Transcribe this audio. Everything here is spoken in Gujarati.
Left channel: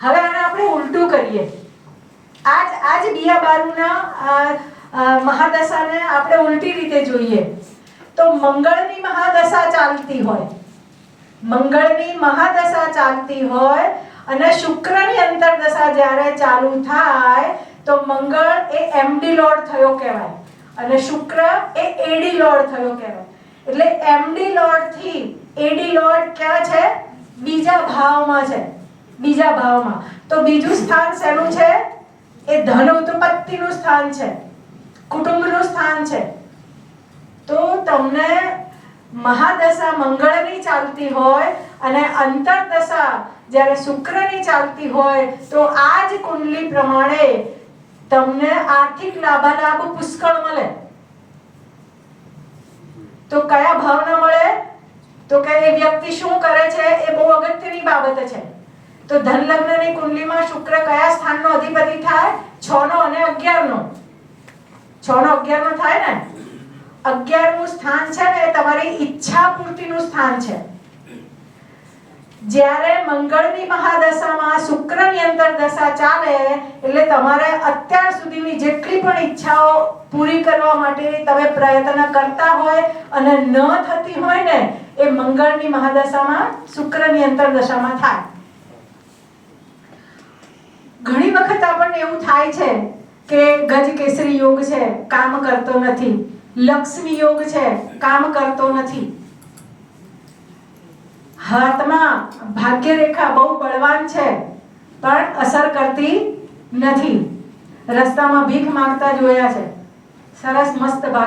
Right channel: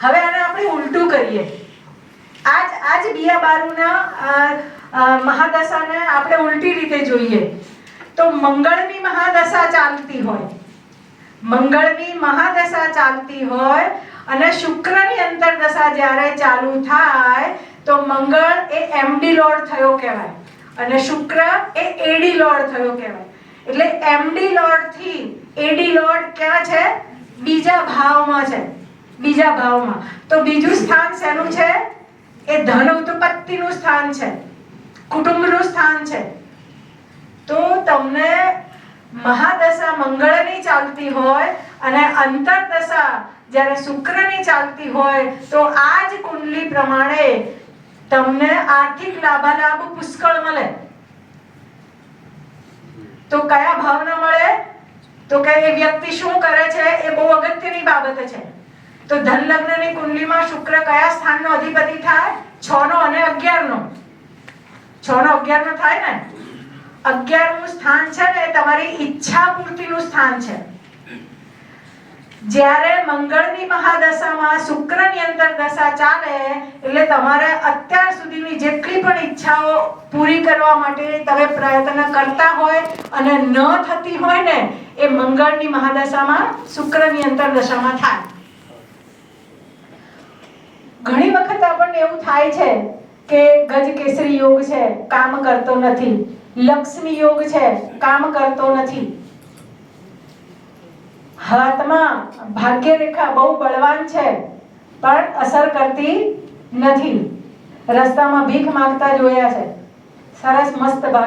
હવે આને આપણે ઉલટું કરીએ. આજ બિયાબારુના મહાદશાને આપણે ઉલટી રીતે જોઈએ તો મંગળની મહાદશા ચાલતી હોય અને શુક્રની અંતરદશા જ્યારે ચાલુ થાય તો મંગળ એ એમડી લોર્ડ થયો કહેવાય અને શુક્ર એ એડી લોર્ડ થયો કહેવાય. એટલે એમડી લોર્ડ થી એડી લોર્ડ ક્યાં છે? બીજા ભાવમાં છે. બીજા ભાવમાં. તો બીજું સ્થાન શેનું છે? એ ધન ઉત્પત્તિનું સ્થાન છે, કુટુંબનું સ્થાન છે. તો તમને મહાદશા મંગળની ચાલતી હોય અને અંતરદશા જ્યારે શુક્રની ચાલતી હોય તો આ જ કુંડલી પ્રમાણે તમને આર્થિક લાભાલાભ પુષ્કળ મળે. તો કયા ભાવના મળે? તો કે એ વ્યક્તિ શું કરે છે એ બહુ અગત્યની બાબત છે. તો ધન લગ્નની કુંડલીમાં શુક્ર કયા સ્થાનનો અધિપતિ થાય? 6 નો અને 11 નો. 6 નો 11 નો થાય ને. 11મું સ્થાન છે ને એ તમારી ઈચ્છા પૂર્તિનું સ્થાન છે. જ્યારે મંગળની મહાદશામાં શુક્રની અંતરદશા ચાલે એટલે તમારે અત્યાર સુધીની જેટલી પણ ઈચ્છાઓ પૂરી કરવા માટે તમે પ્રયત્ન કરતા હોય અને ન થતી હોય ને એ મંગળની મહાદશામાં શુક્રની અંતરદશામાં થાય. ઘણી વખત આપણને એવું થાય છે કે ગજ કેસરી યોગ છે, કામ કરતો નથી. લક્ષ્મી યોગ છે, કામ કરતો નથી. હાથમાં ભાગ્ય રેખા બહુ બળવાન છે પણ અસર કરતી નથી. રસ્તામાં ભીખ માંગતા જોયા છે. સરસ મસ્ત ભાગ્ય